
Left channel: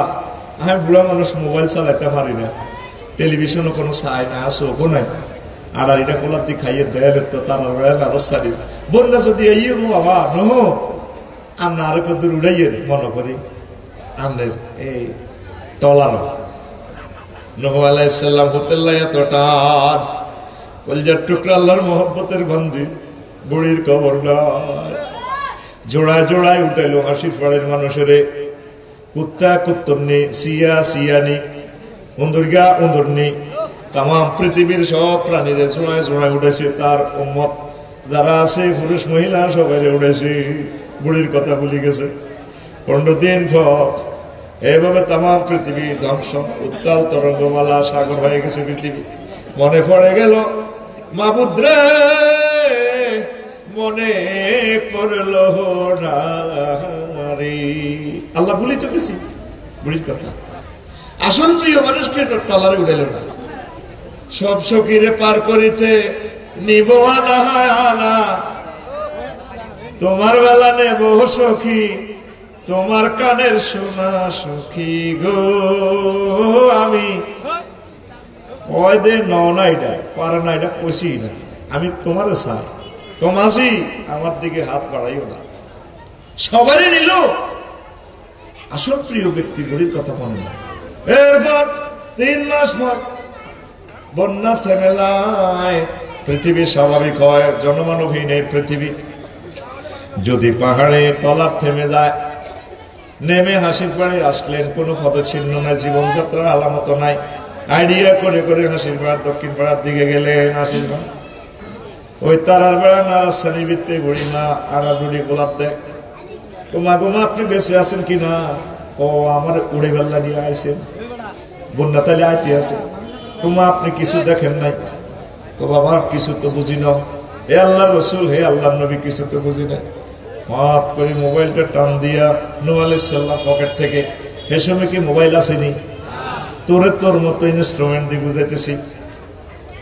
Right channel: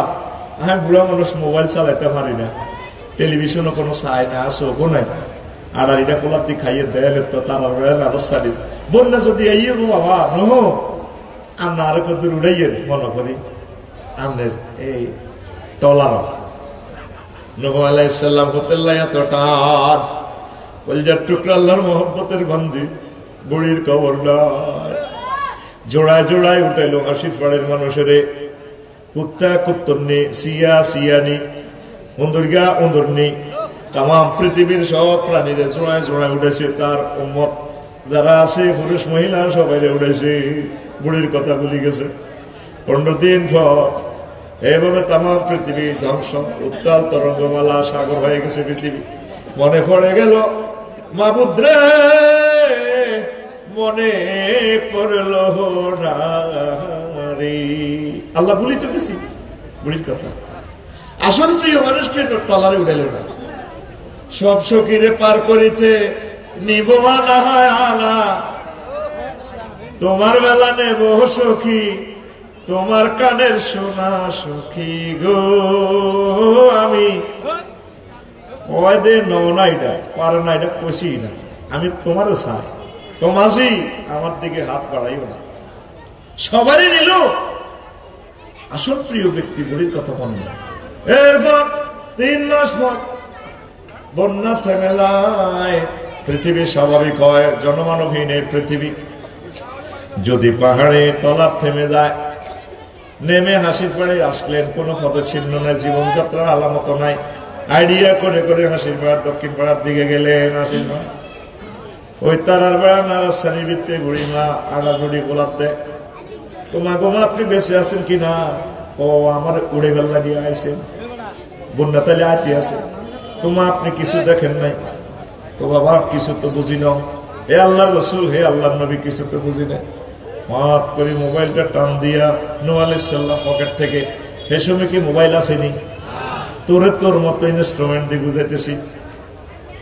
আমি বুড়া মানুষ, মোবাইল চালাতে পারি না, টেলিভিশনও কোনো চাই না, আসো নাই, আর এটা কোলার দিয়ে খাইয়ে দেয়ালে তো তারা সারি বললে যদি এই বাবা নহ আমরা আরো কত উড়াইয়ে মনে করি আমাদের এই টলার। নূহ আলাইহিস সালাম হোটেল এতটার কলজার টুকরা আল্লাহর মহব্বতের বন্দি, বুড়ির কবরদার জোড়ায় জোড়ায় উঠাইলো আশীর্বাদের মানুষের, কুত্তা কুত্তরনি, সিয়া সিয়ানি, অন্দরগা অন্দরনি, তাম পৃথিবীর সব প্রাণীরা জোড়ায় জোড়ায় উঠেছে। তার উম্মত যারা আছে পুরুষ মহিলা সবাই উঠেছে, বুড়ির কথা ভুলে গেছে। 15 দিন পর এইভাবে তাম পৃথিবী ধ্বংস, উত্তাল তরঙ্গমালা সাগর হয়ে গেছে পৃথিবী। মনে পড়ে গেল মাবুদ রে, মনে পড়ল রে, আল্লাহ ভুলি তো গেছি বুড়ির কথা। আসল প্রিয় মানুষকে টলারে উঠাইল না, সব সখীরে পার করিতে নিব আলা, তোমার বেলা নেব সখী, তোমার কানের সোনা সখী গো। আমি ওই দে নও না, এটা পারো না, এটা কষি না, আমি তোমার সাথ তোমাজি, আমার দিকে হাত বাড়াইও না। সবারই নিল, আসল প্রিয় ব্যক্তিগুলির কথা বন্ধ। এরপর 3 মাস পর বন্যা থেমে যায়, পৃথিবী স্বাভাবিক হয়, জনমানবহীন এই পৃথিবী। যদি পাহাড়ে টলার থেমে যায়, নেমে হাসির পাড়ে আসলেন, কোনো পদচিহ্ন নাই, জীবনযাত্রার আলামত নাই। আইডিয়া করে করে হাসির পাড়ার দক্ষিণ পাড়ার দিকে গেলেন। হাসির পাড়া ওই তারার বেড়া নারাস্তানি বৃত্তে বুড়ি মা আড়া বুড়ি গোলাপ দেখ, তোমা গোমা আপনি বেঁচে আছেন কিনা? ও আমার উড়ে গেল্লা দিয়ে আইসেন, বন্যা তালে আইতে আছে। তোমা আপনি কিছু দেখেন নাই? তো বাবা কিছু তো বুঝি না। হে আল্লাহ রসুল, হে আল্লাহ নবী, কিছু তো বুঝি না। মাত করে মোবাইলটা টান দিয়া নূহ আলাইহিস সালাম পকেট থেকে, হে সময় কি মোবাইল আসেনি? তোরে তোর মতো ইনস্ট্রুমেন্ট দিয়ে বুঝাইতেছি।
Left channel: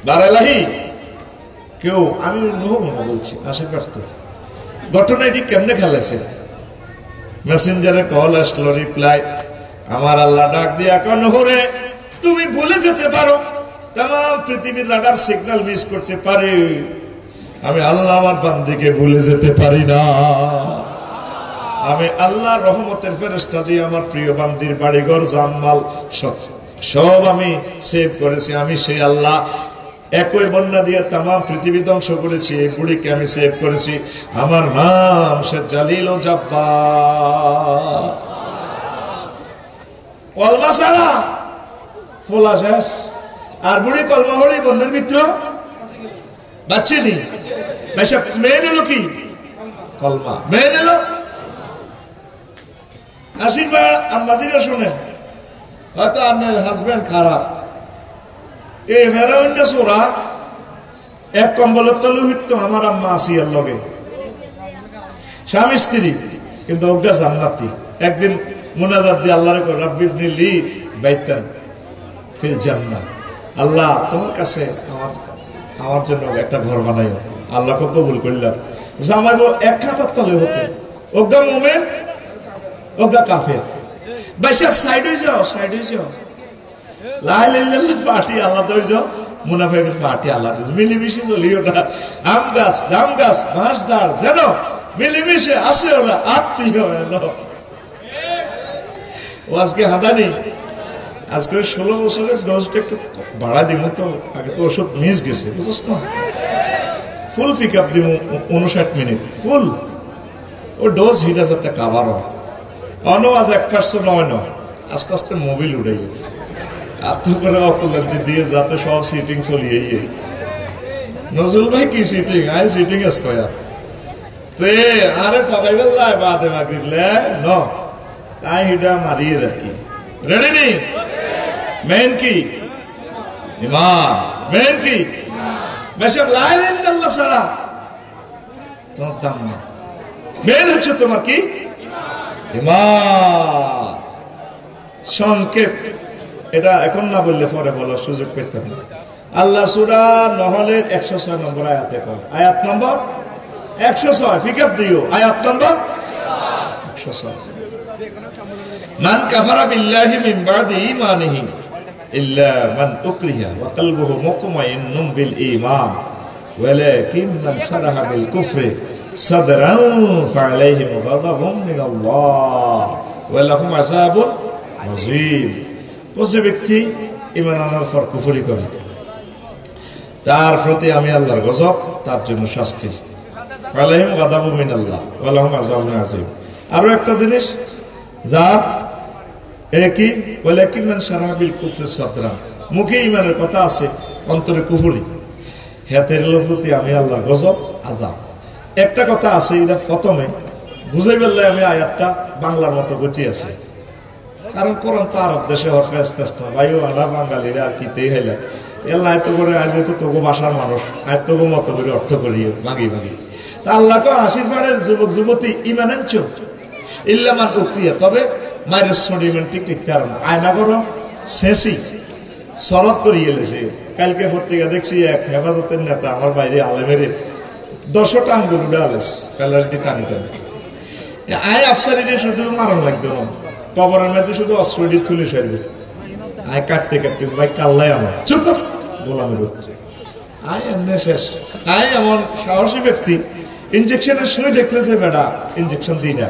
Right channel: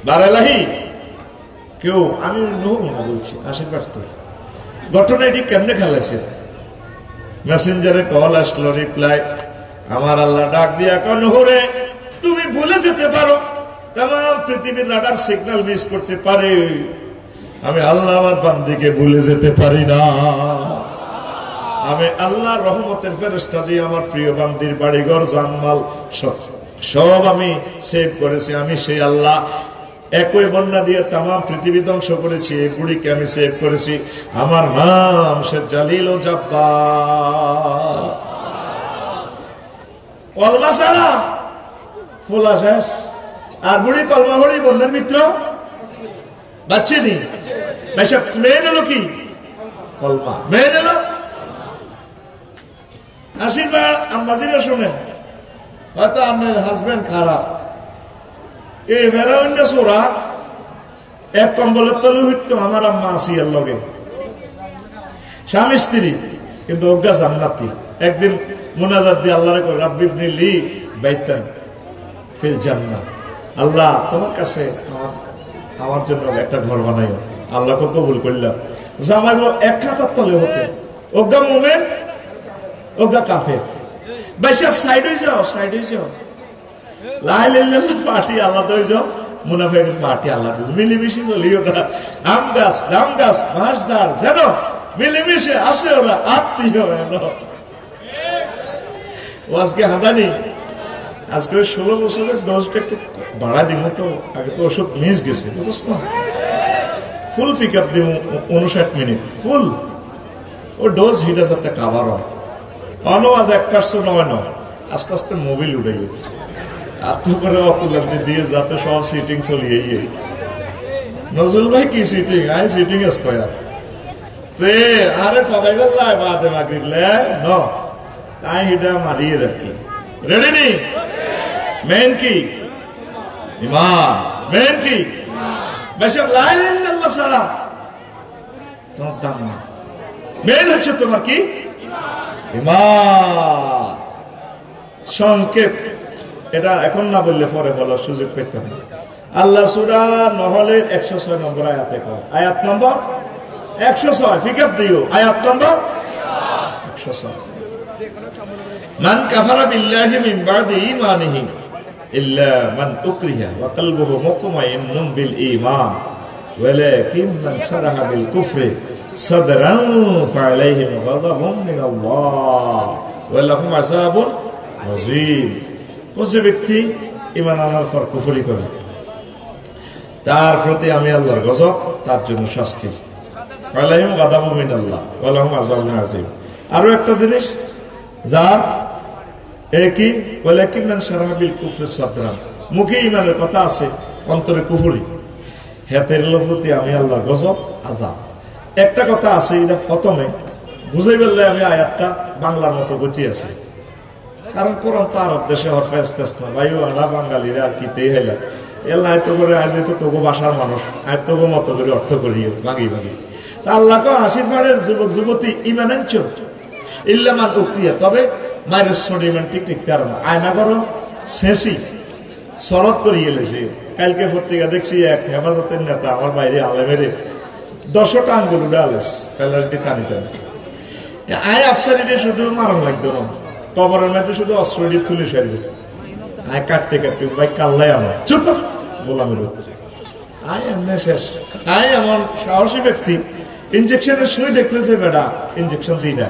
দাঁড়ালাহি কেউ, আমি নূহ মনে বলছি, আশীর্বাদ তো ঘটনা এটি কেমনে খেলেছে? মেসেঞ্জারে কল আসলো, রিপ্লাই, আমার আল্লাহ ডাক দিয়া কন, নূহরে তুমি ভুলে যেতে পারো, তাম পৃথিবীর রাডার সিগন্যাল মিস করতে পারে, আমি আল্লাহ আমার বান্দিকে ভুলে যেতে পারি না। আমি আল্লাহ রহমতের ফেরেশতা দিয়ে আমার প্রিয় বান্দির বাড়িঘর জানমাল সব আমি সেভ করেছি। আমি সেই আল্লাহ একই বন্যা দিয়ে তাম পৃথিবী ধ্বংস করেছি, এই বুড়িকে আমি সেভ করেছি। আমার নাম সে জালিল ও জাব্বার। কলমা ছাড়া ফোলা শেষ, আর বুড়ি কলমা হলেই বন্যার ভিতর বাচ্চে নি। মেয়ে নিল কি? কলমা। মেয়ে নিল আশীর্বাদ। আম্মাজিরা শোনেন, হয়তো আপনার হাজবেন্ড খারাপ, এই হেরোইনটা সোরা এক কম্বলের তলে হইত। আমার আম্মা আসিয়ার লগে স্বামী স্ত্রী, কিন্তু অজ্ঞা জান্নাতি। একদিন মুনাজাত দিয়ে আল্লাহরে কই, রাব্বি ইবনি লি বাইতান ফিল জান্নাহ, আল্লাহ তোমার কাছে আমার জন্য একটা ঘর বানাইও। আল্লাহকে কবুল করলাম। জামাই বউ এক খাতার তলে হতো, অজ্ঞা মোমেন অজ্ঞা কাফের। বেশি সাইডে যাও, সাইডে যাও, পার্টি আলাদা হয়ে যাও, মুনাফেকের পার্টি আলাদা। মিলেমিশে চলিও না। আম গাছ জাম গাছ মাছ ঝাড় যেন মিলেমিশে আসে, ওরা আত্মীয় আজকে হাঁদানি। আজকে 16 বছরের ডোজটা একটু বাড়া দিব, তো আগে তো ওষুধ মিস গেছে, বুঝছ না? ফুল পিক আপ দিব 59 মিনিট ফুল। ও ডোজ হিট আছে একটা কাবার অন আজ 1% হয় না, আস্তে আস্তে মোবিল উঠে গেছে। এত করে অকুলান্তি দিয়ে যাতে সব সিটিং চলিয়ে। নজরুল ভাই কি সিটিং? আই সিটিং স্কয়ার তে আরে ঠকাই গেল্লাই বাদে মাগরিবলে ন তাই হিটা মারিয়ে রাখি। রেডি নি? মেন কি? ইমান। মেন কি? বেশি লা ইলাহা ইল্লাল্লাহ ছাড়া তোমার দাম নেই। মেন হচ্ছে তোমার কি? ইমান। সংক্ষেপ, এটা এখন না বললে পরে বলার সুযোগ পেতাম না। আল্লাহ সূরা নহলের 106 নম্বর আয়াতে কয়, আয়াত নম্বর 106, ফিকাপ দিও, আয়াত নম্বর 106। মান কাফারা বিল্লাহি মিন বাদি ঈমানিহি ইল্লা মান উকরিহা ওয়া কলবুহু মুতমাইন্নুন বিল ঈমান ওয়ালাকিন মান শারাহা বিল কুফরি সাদরান ফাআলাইহিম গাযাবুন মিনাল্লাহ ওয়া লাহুম আযাবুন আযীম। যে ব্যক্তি ঈমান আনার পর কুফরি করে, তার প্রতি আমি আল্লাহর গজব, তার জন্য শাস্তি। আলাইহিম গাযাবুন মিনাল্লাহ ওয়া লাহুম আযাবুন আযীম। আরো একটা জিনিস, যার একই ওয়ালাকিন মান শারাহা বিল কুফরি সাদরান, মুখে ঈমানের কথা আছে, অন্তরে কুফরি, হেতের প্রতি আমি আল্লাহর গজব, আযাব। একটা কথা আছে, এটা প্রথমে বুঝাই বললে আমি আয়াতটা বাংলার মতো গতি আছে, কারণ কোরআন তো আরব দেশে হরফে ইস্তেসনা, ভাইও আমরা বাঙালিরা আর কি তেই হেলা এল আয়ত্ত করে আজ হয়তো তবু ভাষার মানুষ আয়ত্ত মতো করে অর্থ করিও ভাগি ভাগি। তা আল্লাহকে আশীর্বাদের যুবক যুবতী ইমানের চোখ ইল্লামান উক্রিয়া, তবে মায়ের সডিমেন ঠিক ঠিক কারণ আয়না করো শেষই শরৎ করিয়ে এলেছে। কালকে পত্রিকা দেখছি এক হেফাজতের নেতা আমার বাইরে আলেমেরে 10টা আঙ্গুল উড়ে আলেস কালার দিয়ে টানি টানি। আয় আফসারিদের শুধু মারণ লাগবে না, কবরের মধ্যে শুধু অস্ত্র দিয়ে তুলে সারবে। আয় কাটতে কাটতে ভাই কাল্লাই আমার চুপ গোলামের আয় এমনি শেষ। আয় এমন সাহসী ব্যক্তি ইঞ্জেকশনের সুই দেখলে যে বেড়া ইঞ্জেকশন দিই না,